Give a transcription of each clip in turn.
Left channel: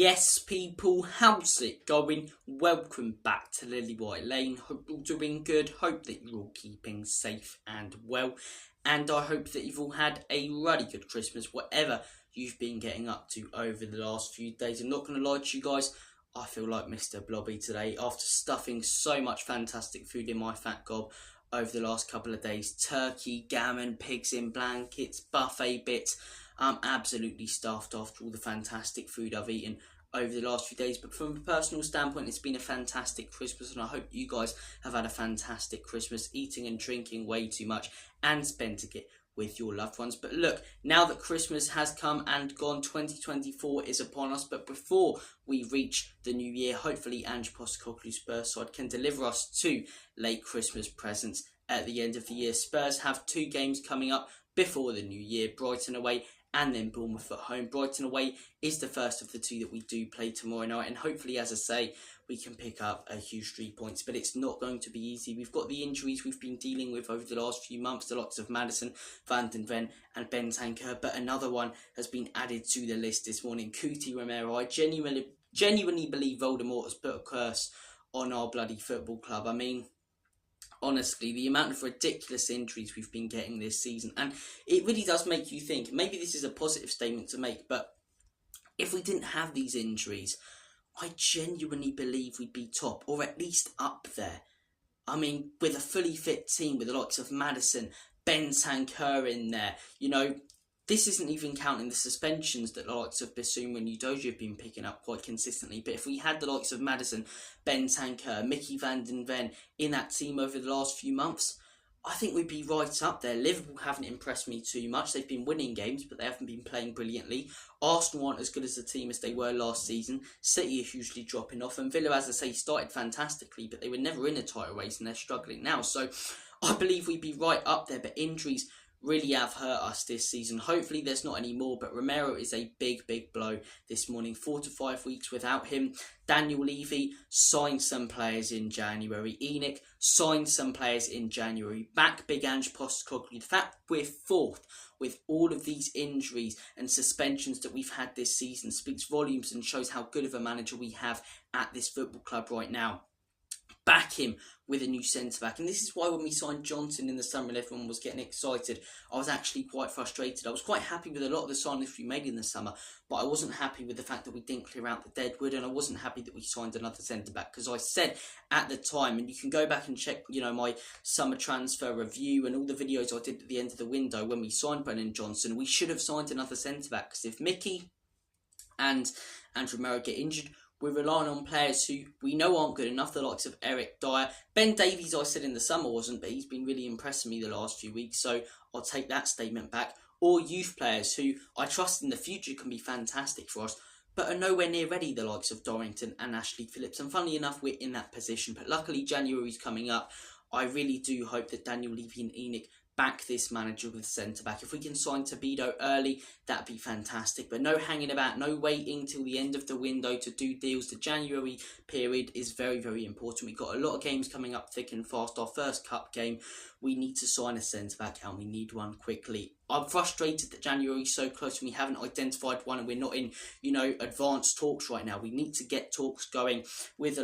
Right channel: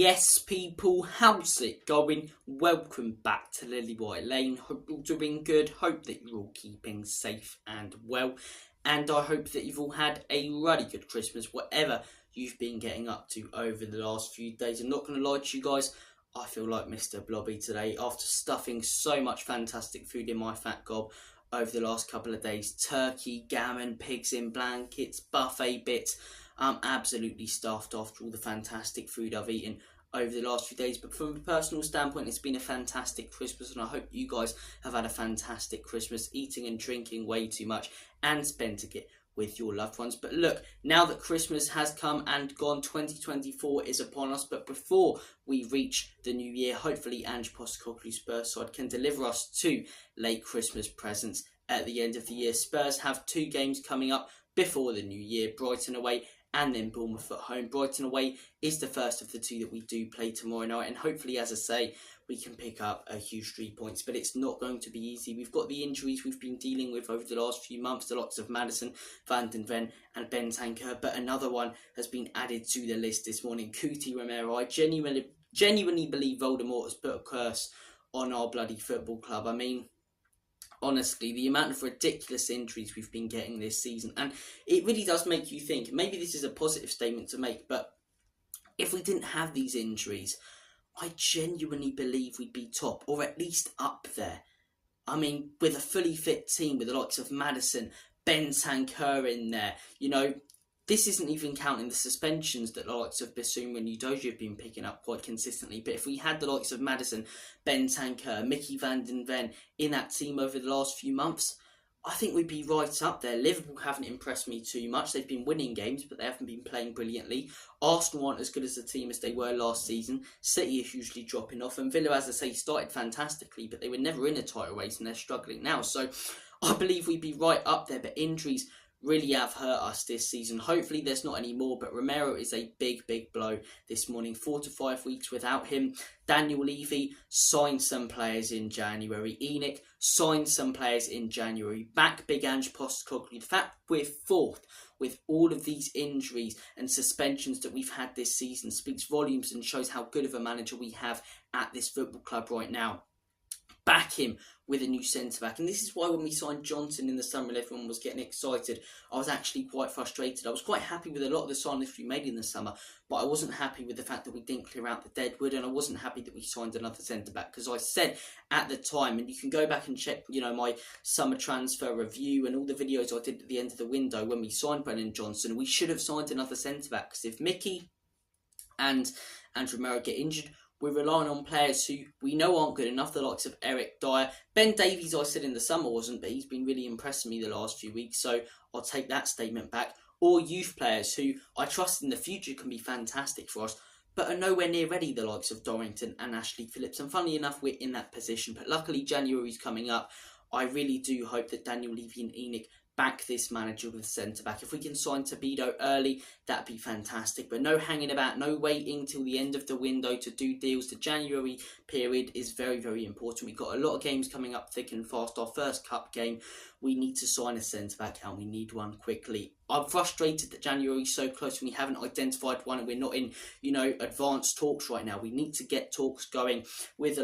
Yes, people, how's it going? Welcome back to Lily White Lane. Hope you're all doing good. Hope that you're all keeping safe and well. And I hope that you've all had a really good Christmas, whatever you've been getting up to over the last few days. I'm not going to lie to you guys, I feel like Mr. Blobby today after stuffing so much fantastic food in my fat gob over the last couple of days. Turkey, gammon, pigs in blankets, buffet bits. I'm absolutely stuffed after all the fantastic food I've eaten over the last few days. But from a personal standpoint, it's been a fantastic Christmas, and I hope you guys have had a fantastic Christmas, eating and drinking way too much and spending it with your loved ones. But look, now that Christmas has come and gone, 2024 is upon us. But before we reach the new year, hopefully Ange Spurs side can deliver us 2 late Christmas presents at the end of the year. Spurs have 2 games coming up before the new year, Brighton away and then Bournemouth at home. Brighton away is the first of the 2 that we do play tomorrow night, and hopefully, as I say, we can pick up a huge 3 points, but it's not going to be easy. We've got the injuries we've been dealing with over the last few months, the likes of Maddison, Van den Ven and Bentancur, but another one has been added to the list this morning, Romero. I genuinely believe Voldemort has put a curse on our bloody football club. I mean, honestly, the amount of ridiculous injuries we've been getting this season, and it really does make you think. Maybe this is a positive statement to make, but if we didn't have these injuries, I genuinely believe we'd be top, or at least up there. I mean, with a fully fit team, with the likes of Maddison, Bentancur in there, you know, this isn't even counting the suspensions that the likes of Bissouma and Udogie have been picking up quite consistently. But if we had the likes of Maddison, Bentancur, Mickey Van den Ven in that team over the last few months, I think we'd be right up there. Liverpool haven't impressed me too much. They've been winning games, but they haven't been playing brilliantly. Arsenal aren't as good as a team as they were last season. City are hugely dropping off. And Villa, as I say, started fantastically, but they were never in a title race and they're struggling now. So I believe we'd be right up there, but injuries really have hurt us this season. Hopefully there's not any more, but Romero is a big blow this morning. 4 to 5 weeks without him. Daniel Levy signed some players in January. Enoch signed some players in January. Back big Ange Postecoglou. The fact we're 4th with all of these injuries and suspensions that we've had this season speaks volumes and shows how good of a manager we have at this football club right now. Back him with a new centre-back. And this is why when we signed Johnson in the summer and everyone was getting excited, I was actually quite frustrated. I was quite happy with a lot of the signings we made in the summer, but I wasn't happy with the fact that we didn't clear out the deadwood, and I wasn't happy that we signed another centre-back, because I said at the time, and you can go back and check, you know, my summer transfer review and all the videos I did at the end of the window when we signed Brennan Johnson, we should have signed another centre-back, because if Mickey and Romero get injured, we're relying on players who we know aren't good enough, the likes of Eric Dyer. Ben Davies, I said in the summer wasn't, but he's been really impressing me the last few weeks, so I'll take that statement back. Or youth players who I trust in the future can be fantastic for us, but are nowhere near ready, the likes of Dorrington and Ashley Phillips. And funnily enough, we're in that position, but luckily January's coming up. I really do hope that Daniel Levy and Enoch back this manager with centre-back. If we can sign Tobido early, that'd be fantastic. But no hanging about, no waiting till the end of the window to do deals. The January period is very important. We've got a lot of games coming up thick and fast. Our first cup game, we need to sign a centre-back, and we need one quickly. I'm frustrated that January's so close and we haven't identified one, and we're not in, you know, advanced talks right now. We need to get talks going with,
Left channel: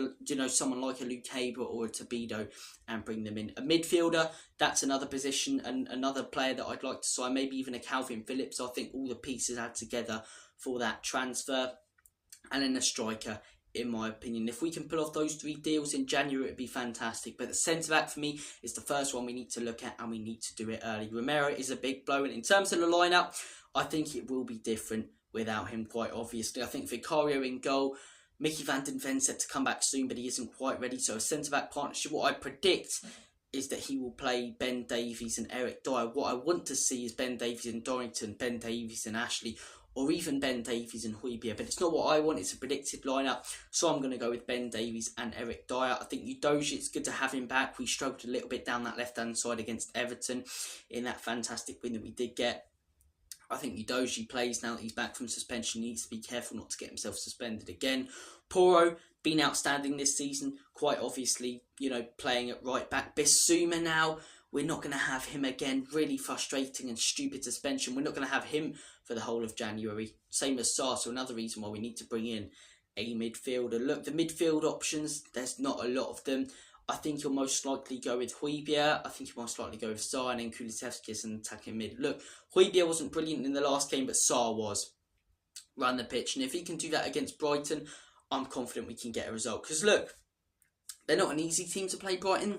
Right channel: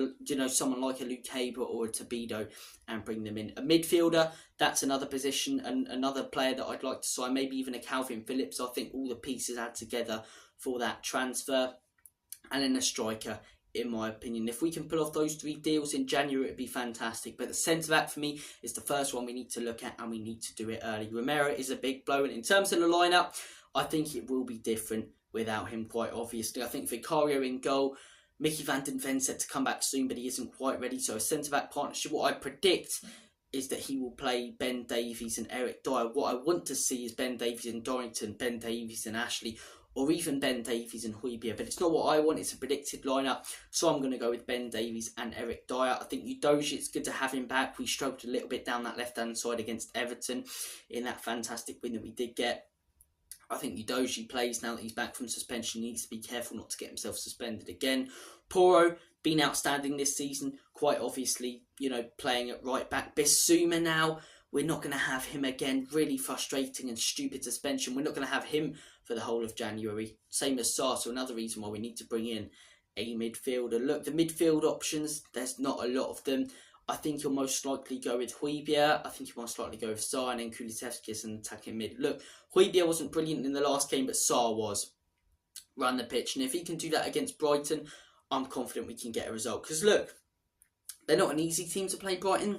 someone like a Luke Haber or a Tobido and bring them in. A midfielder, that's another position and another player that I'd like to sign, maybe even a Calvin Phillips. I think all the pieces add together for that transfer. And then a striker, in my opinion. If we can pull off those 3 deals in January, it'd be fantastic. But the centre-back for me is the first one we need to look at, and we need to do it early. Romero is a big blow, and in terms of the lineup, I think it will be different without him, quite obviously. I think Vicario in goal, Mickey Van den Ven set to come back soon, but he isn't quite ready. So a centre-back partnership, what I predict is that he will play Ben Davies and Eric Dyer. What I want to see is Ben Davies and Dorrington, Ben Davies and Ashley, or even Ben Davies and Højbjerg, but it's not what I want. It's a predicted lineup, so I'm going to go with Ben Davies and Eric Dyer. I think Udogie, it's good to have him back. We struggled a little bit down that left-hand side against Everton in that fantastic win that we did get. I think Udogie plays now that he's back from suspension. He needs to be careful not to get himself suspended again. Porro, been outstanding this season, quite obviously, playing at right back. Bissouma now, we're not going to have him again. Really frustrating and stupid suspension. We're not going to have him for the whole of January. Same as Sarr, so another reason why we need to bring in a midfielder. Look, the midfield options, there's not a lot of them. I think you'll most likely go with Højbjerg. I think you'll most likely go with Sarr and then Kulusevski as an attacking mid. Look, Højbjerg wasn't brilliant in the last game, but Sarr was. Run the pitch, and if he can do that against Brighton, I'm confident we can get a result. Because look, they're not an easy team to play, Brighton.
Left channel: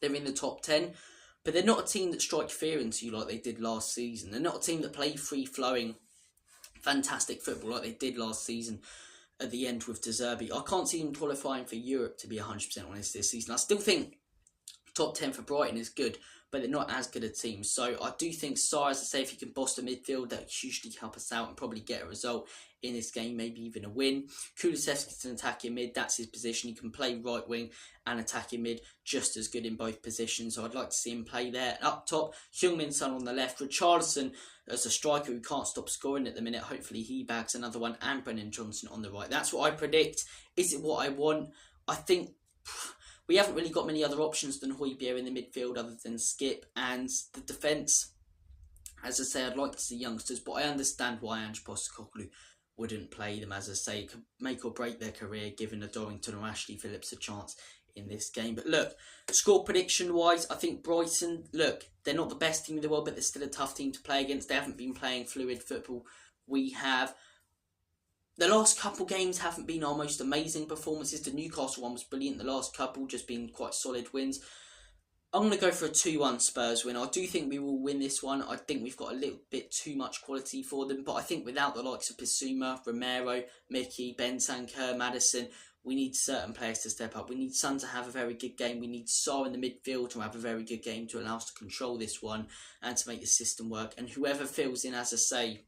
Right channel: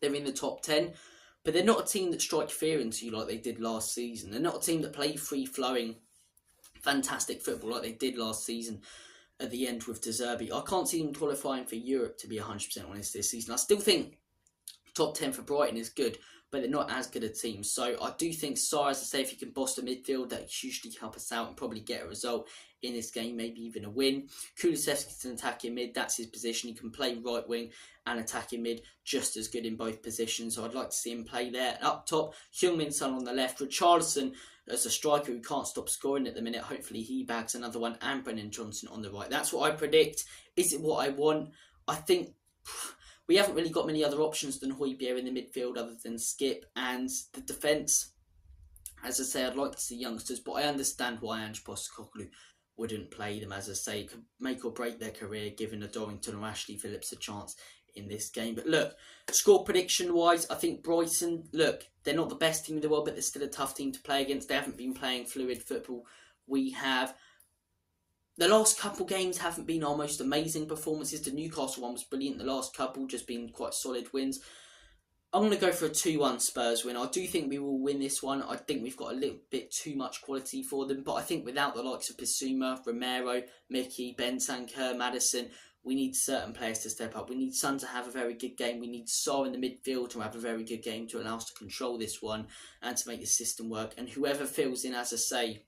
They're in the top 10, but they're not a team that strike fear into you like they did last season. They're not a team that play free-flowing, fantastic football like they did last season at the end with zerbi. I can't see them qualifying for Europe, to be 100% honest, this season. I still think top 10 for Brighton is good, but they're not as good a team. So I do think Sarr, as I say, if he can boss the midfield, that hugely help us out and probably get a result in this game, maybe even a win. Kulusevski's an attacking mid, that's his position. He can play right wing and attacking mid, just as good in both positions. So I'd like to see him play there. Up top, Heung-min Son on the left. Richarlison as a striker who can't stop scoring at the minute. Hopefully he bags another one. And Brennan Johnson on the right. That's what I predict. Is it what I want? I think we haven't really got many other options than Højbjerg in the midfield other than Skip. And the defence, as I say, I'd like to see youngsters, but I understand why Ange wouldn't play them. As I say, it could make or break their career, giving a Dorrington or Ashley Phillips a chance in this game. But look, score prediction wise, I think Brighton, look, they're not the best team in the world, but they're still a tough team to play against. They haven't been playing fluid football. We have. The last couple games haven't been our most amazing performances. The Newcastle one was brilliant. The last couple just been quite solid wins. I'm going to go for a 2-1 Spurs win. I do think we will win this one. I think we've got a little bit too much quality for them. But I think without the likes of Bissouma, Romero, Mickey, Bentancur, Maddison, we need certain players to step up. We need Son to have a very good game. We need Sarr in the midfield to have a very good game to allow us to control this one and to make the system work. And whoever fills in, as I say,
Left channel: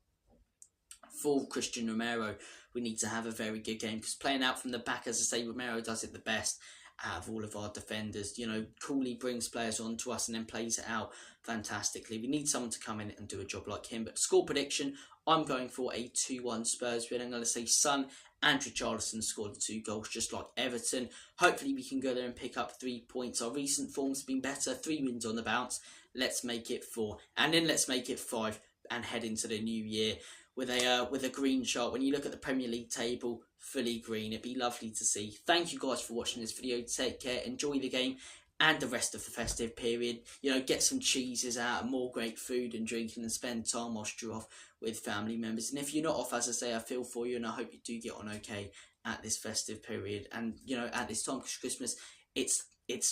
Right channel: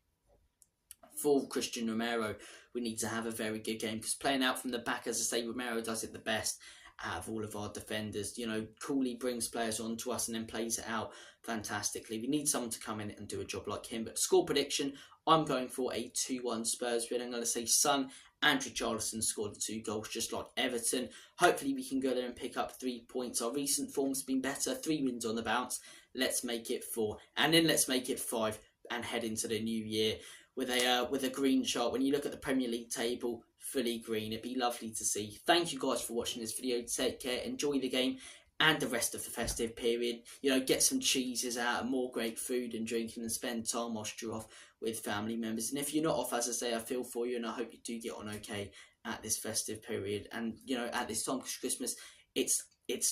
for Christian Romero, we need to have a very good game. Because playing out from the back, as I say, Romero does it the best out of all of our defenders. You know, Cooley brings players on to us and then plays it out fantastically. We need someone to come in and do a job like him. But score prediction, I'm going for a 2-1 Spurs win. I'm going to say Son and Richarlison scored the 2 goals, just like Everton. Hopefully we can go there and pick up 3 points. Our recent form's been better. 3 wins on the bounce. Let's make it 4. And then let's make it 5 and head into the new year with a green chart. When you look at the Premier League table, fully green. It'd be lovely to see. Thank you guys for watching this video. Take care. Enjoy the game and the rest of the festive period. You know, get some cheeses out and more great food and drinking and spend time whilst you're off with family members. And if you're not off, as I say, I feel for you and I hope you do get on okay at this festive period. And, you know, at this time, because Christmas, it's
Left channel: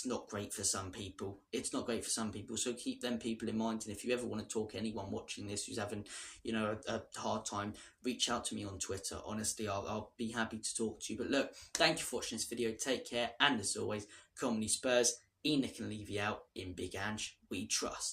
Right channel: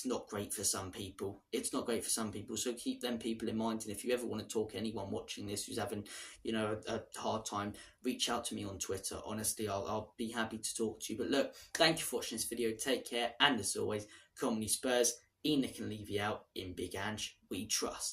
not great for some people. It's not great for some people. So keep them people in mind. And if you ever want to talk to anyone watching this who's having, you know, a hard time, reach out to me on Twitter. Honestly, I'll be happy to talk to you. But look, thank you for watching this video. Take care. And as always, Comedy Spurs, Enoch and Levy out in Big Ange. We trust.